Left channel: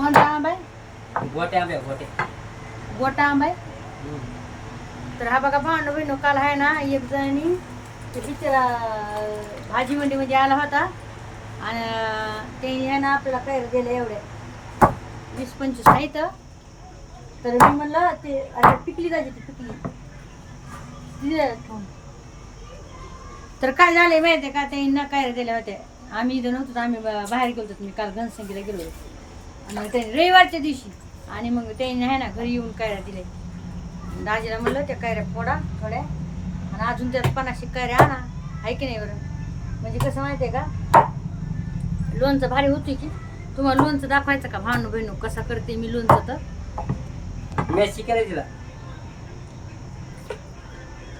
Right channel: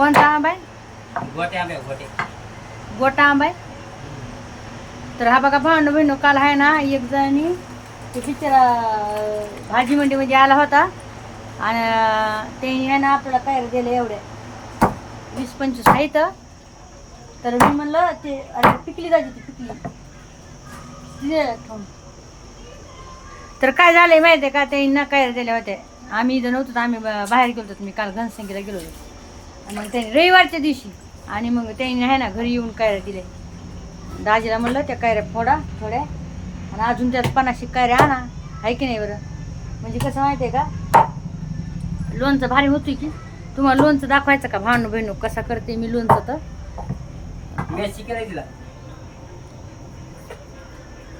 कोणता आंबा आहे? गोटे आंबे गोटे. गोटा आंबा आहे? तर हा बघा भांडू बहिणू काल आहे ना एक जणी ते बिचारा अं, भाजी मंडीमध्ये आला होता. आणि अं, ते आहे ना आपल्याला काय दिले एवढे. वीस पंचवीस आहेत तर मी म्हणलं ते अरे पिकली जायची ती पिकली. ठेवून. तर काय झालंय माहिती आहे का ते ना काय दिले होते आम्ही इथं नव्हतो तर आम्ही बा- बाहेर गेलो होतो. मी काल घनसंगीला गेलो होतो. मग ते रविवारच्या दिवशी. आणि मग त्यांनी आहे ना घरी येऊन कायऱ्या दिले दाजीला म्हणलं त्या कायऱ्या फोडा थोड्या. आणि अजून त्यात पन्नासशे कायऱ्या आणा. आहे की नाही बरं? म्हणजे कसं माहिती आहे का? लोणचं भारी होती की तुम्हाला लोणचं दाखवायचं का? भांडू बहिणू कसा करते मी लोणचं तर? मॅच शिकायला तिला.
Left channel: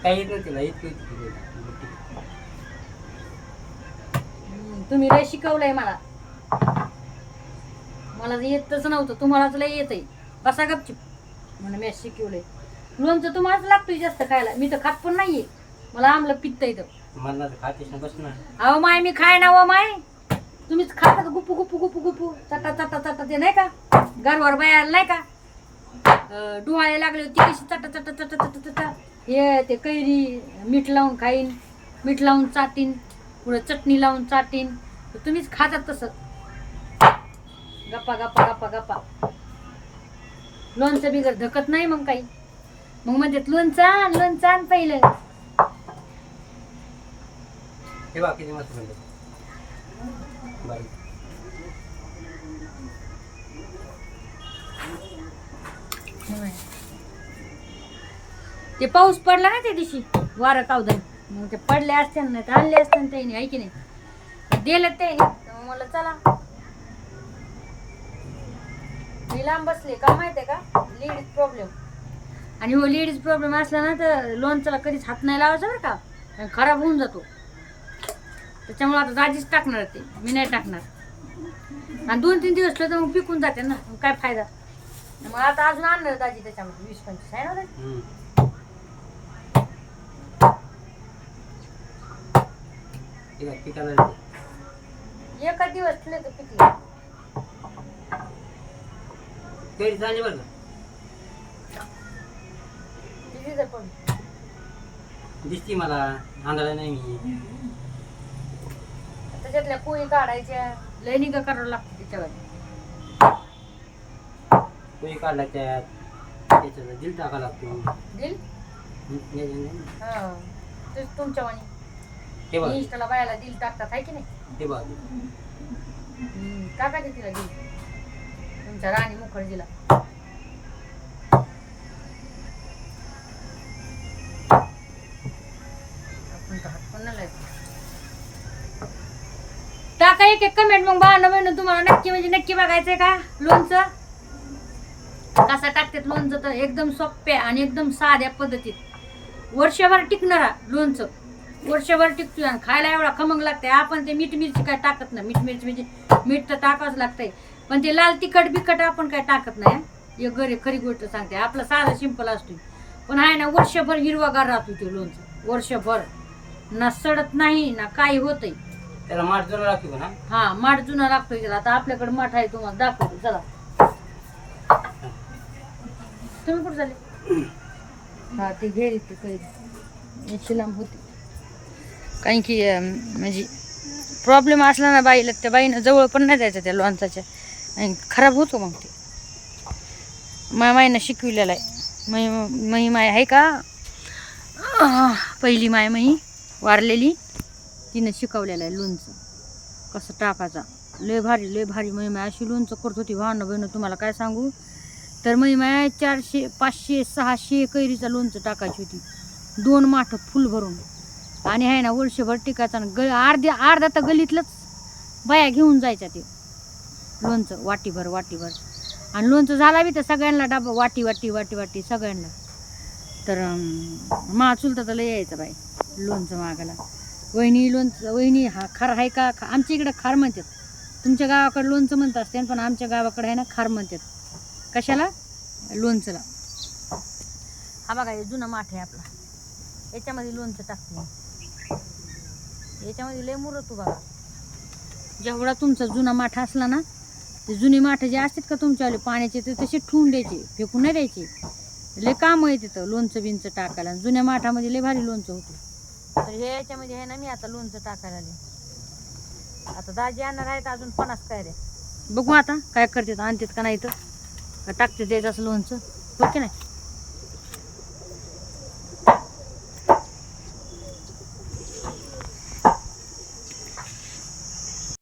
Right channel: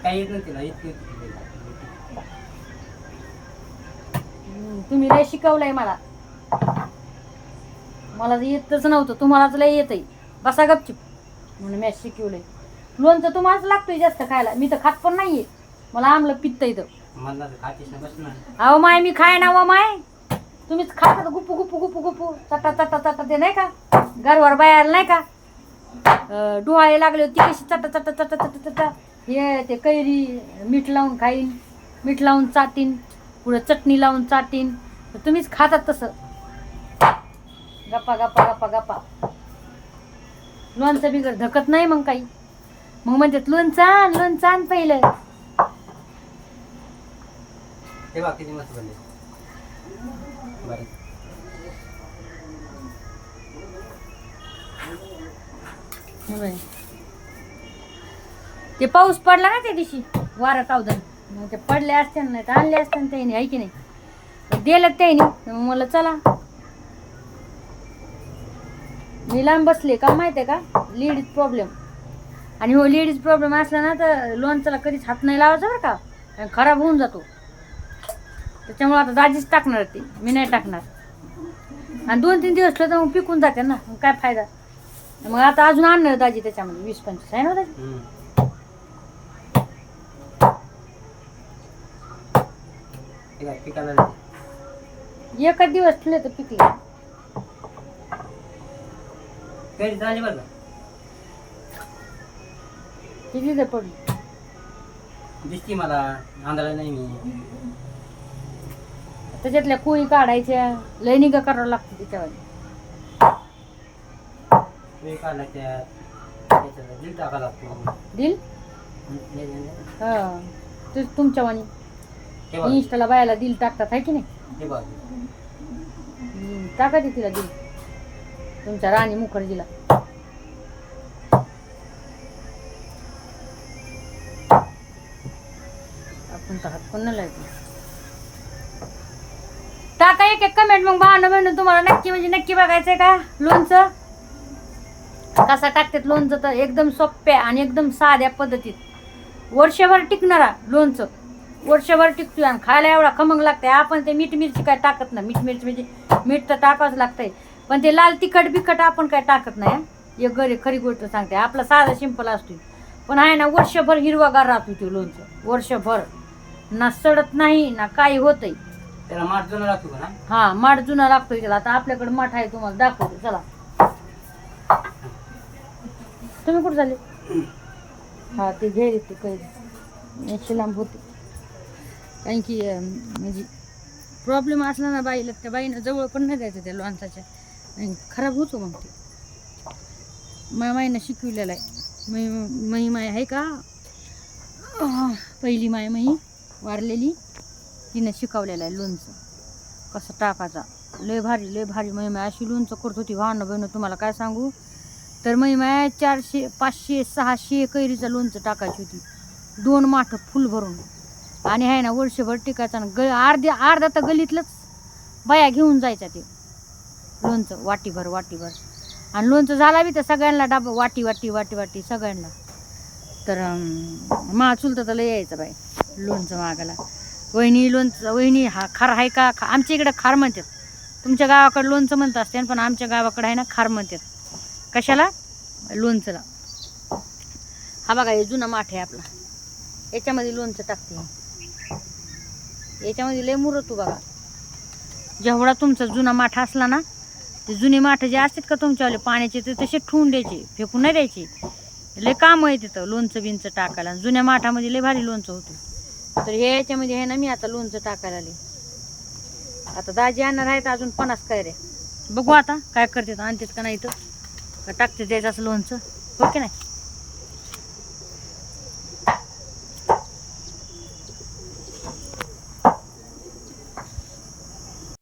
काही येत नाही तिला. हम्म, तुम्ही लय शिकवलंय मला. मला तर येतच नव्हतं. तुम्हालाच लय येतंय. बसा गपचिप. म्हणून मी शिकवलंय. लोणचं तुम्हालाच लागतोय जास्त खायला. मी तर खात पण नाहीये. मला आमलं पित्त येतं मला तर खातेस ना बस ना अहो माय मी खाय ना व माय. तुम्हीच खाता गुप्पू गुप्पू गुप्पू गुप्पू चटा चटा चटा ते नाही का? घरवर बाहेर नाही का? डोहाळे लागले होते कशी चटा चटा चटा चटा चटा हे ते कैरी मीठ लावून खाईन. मीठ लावून चाटीन. पुढं चटणी लावून चाटीन. तुम्हीच खातात तसं. गप्पा गप्पा गप्पा गप्पा. लोणचं बिगर धकत नाही मग काही. मग म्हणतात लोणचं आण लोणचं आण पहिलं. हे बघ किती मस्त बनले. बारीक. ते पाऊस पडला ना त्या दिवशी वारं कावदन. मग ते पडले असते ना तर आणले असते ना त्याने ऐकी नाही? दिलं त्याने. मग मला चला. मी लांब बसले का माहितीये का? लेडीज प्रॉब्लेम आणि हो लेडीज प्रॉब्लेम असला ना तर लोणचाला कधीच हात नाही लावायचा बरं का? कारण खराब होऊन जातो. त्याच्यामुळे आता दाजीच टाकणार ते. मी नाही टाकणार. आणि दोन तीन दिवस ठेवतो मग पिकून जाते ना. काय फायदा? मग आता अजून आणणार दाजी त्याच्यामध्ये. वीस पंचवीस आहे ना दाजी. एका दिवस ठेवले तर पिकले. झाले ते दिसती मला आंधळा नाही मी. त्याच्यातल्या कोळी काढायच्या लय निगा करावं लागतं त्याच्यावर. तुम्ही काढला त्यात त्याच्यात दिल टाका लागतो. दिल? नाही. हा ते तुमच्या वाणी. हे बघ. इंस्टाला बायाला दिल टाकतात आहे की नाही? हे बघ. हम्म, टाका ते तिला दिल. तुमच्या राणी मुखर्जीला. आपण तर हात पण नाही टाका एक एक कमेंट मग भावना म्हणून तुम्हाला नक्की म्हणजे नक्की बघायचंय का? लोणचं? कसं टाकतात लोणचं तर एकदम सोप्या आणि एकदम साध्या पद्धतीत. वर्षभर टिकणारा लोणचं. वर्षभर टिकतो आणि खायला एवढा खमंग लागतंय. आपण ते मीठ मिरची काय टाकत नाही. मीठ मिरची म्हणजे मीठ तर टाकावंच लागतंय. पण ते लाल तिखट बिखट आपण काय टाकत नाही हं. एक घरी खरी गोष्ट सांगते आपला साधा सिंपल असतो पण आहे ना वर्षभर हिरवागार राहतो ते लोणचं. वर्षभर. ना सडत नाही ना काही होतंय. त्याला माठ जुना लागतो का ना? हा माठ जुना लागतोय त्याला. आता आपल्याकडे माठ आहे तुम्हाला दाखवते. चला. तुम्ही कुठं झाले हा ते घे ते काही याची लांब होते. कारण की म्हणजे प्रॉब्लेम असला ना बाईला त्या बाईनं जवळ पण नाही द्यायचं त्या लोणचाच्या आणि खराब होतो मग ते. माय मायनं शिकविलेलं आहे. मै मही माय आहे का? पहिली माय मही वारलेली तिनं शिकवलेलं आहे लोणचं. कसं टाकायचा? लय भारी लय भारी महिमा अशी लोणचं करत होती. भावना बहिणं तुम्हाला काय सांगू? तर महिमा चारशे पाचशे सहाशे कैरीचं लोणचं टाकायची होती. दोन माठ फुल भरून. आणि आहे ना वर्षभर टिकायचं आणि ग अर्ध्या अर्धा तर गलीतलंच बाया घेऊन जायच्या ते. लोणचं वाटीभर वाटीभर. आणि लोणचं झाला बी तर सगळ्यांना डाबा वाटी वाटी वाटी वाटी सगळ्यांना. तर मा चुलता तर लय यायचं बाई लोणचं मागायला. वहिनी लोणचं वहिनी हा खार आहे का? खा आमच्या इकडे खार म्हणतात. तुमच्या गावाकडे लोणचं म्हणत असते पण आमच्या गावाकडे आहे ना खार म्हणतात. कशाला? लोणचंला. हा बघा हे जुना माठ आहे आपला. याच्यामध्ये लोणचं टाकते याच्यामध्ये लय मुरतो बघा. जेवढा तुमचा जुना माठ असला ना ते जुने माठ जे असतात का तुमच्यावाले पाण्याचे ते तसे ठेवून द्यायचे फेकून नाही द्यायचे. लय काम आहे तिथं लोणचं बिंचं टाकायला. आणि जुन्या माठामध्ये लय भारी लोणचं होतं. तर हे याच्यामध्ये आहे ना मी आता लोणचं टाकायला आले. आता दाजी आणणार आहेत अजून पन्नास काय रे बघू आता काय करतात आणतात का नाही तर. का टाकते त्याचं असं लोणचं. हो ओके नाही?